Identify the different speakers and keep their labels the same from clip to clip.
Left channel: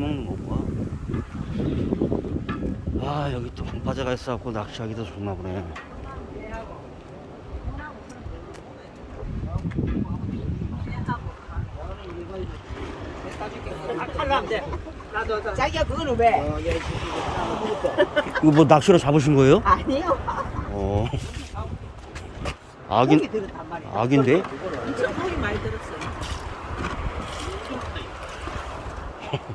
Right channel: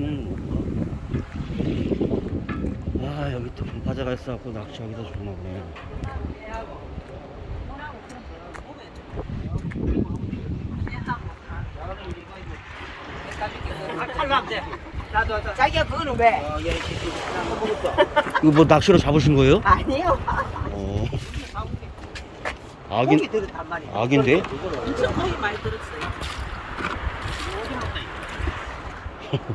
Speaker 1: 먹는 건가? 아 여기 또 방파제가 있어갖고 낚시하기도 좋나 보네
Speaker 2: 자기야 그거는 왜?
Speaker 1: 이거 뭐 낚시로 잡으신 거예요?
Speaker 2: 아니에요.
Speaker 1: 어
Speaker 2: 고기
Speaker 1: 악인
Speaker 2: 들었단 말이야.
Speaker 1: 악인데?
Speaker 2: 엄청 고기 많이 들었어요.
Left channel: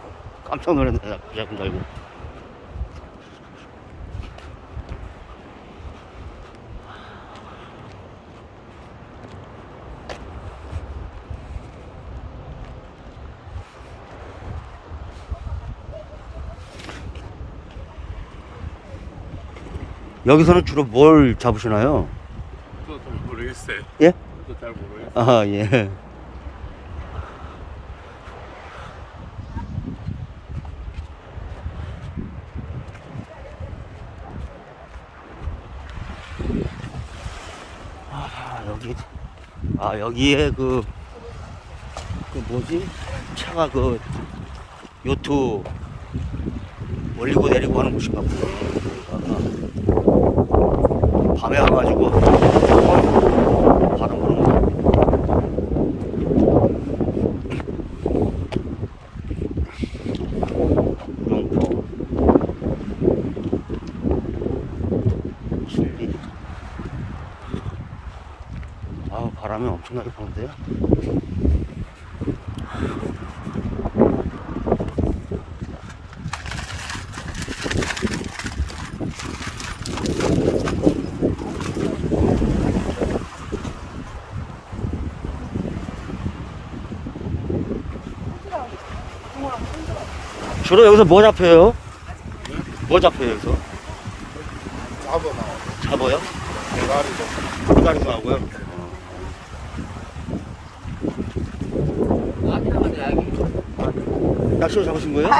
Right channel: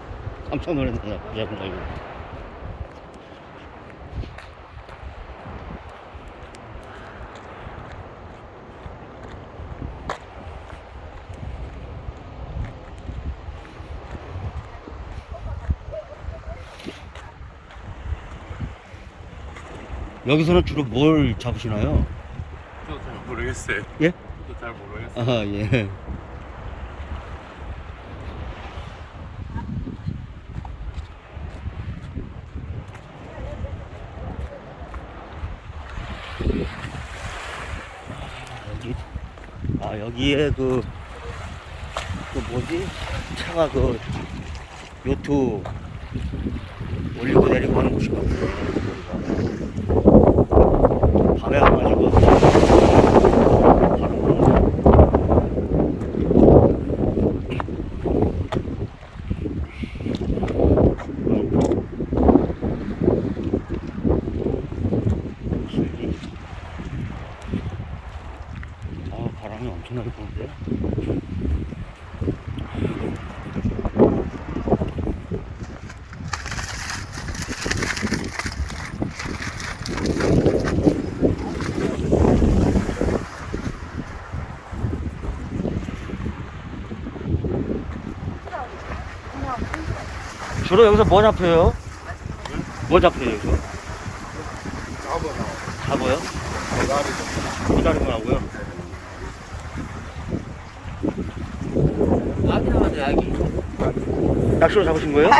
Speaker 1: 깜짝 놀랐네 다 이거 여기서는 주로 뭘 잡으시나요?
Speaker 3: 저도 잘 모르겠어요.
Speaker 1: 예?
Speaker 3: 저도 잘 모르겠어요.
Speaker 1: 아, 예. 아, 여기, 아, 여기에 그, 그 뭐지? 차가 그, 요트 올리고 내리고 하는 곳인가 보네. 밤에 와가지고, 바람 부는 거. 구렁포 슬기 아우 바람이 엄청나게 부는데요 주로 여기서 뭐 잡혀요? 뭐 잡혀요 여기서? 잡아요? 기다리거 하고요 낚시로 잡으신 거예요?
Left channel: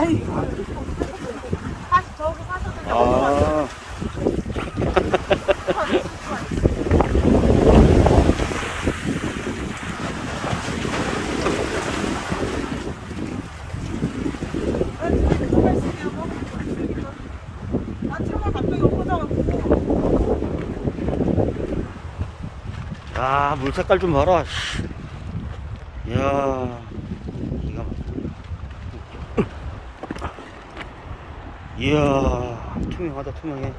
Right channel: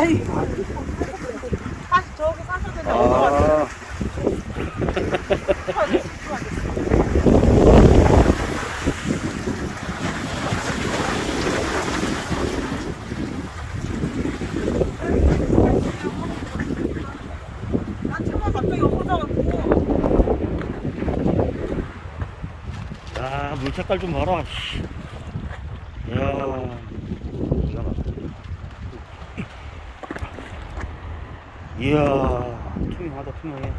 Speaker 1: 아 야, 물 색깔 좀 봐라. 씨. 야, 기가 막혀. 이야, 투명하다, 투명해.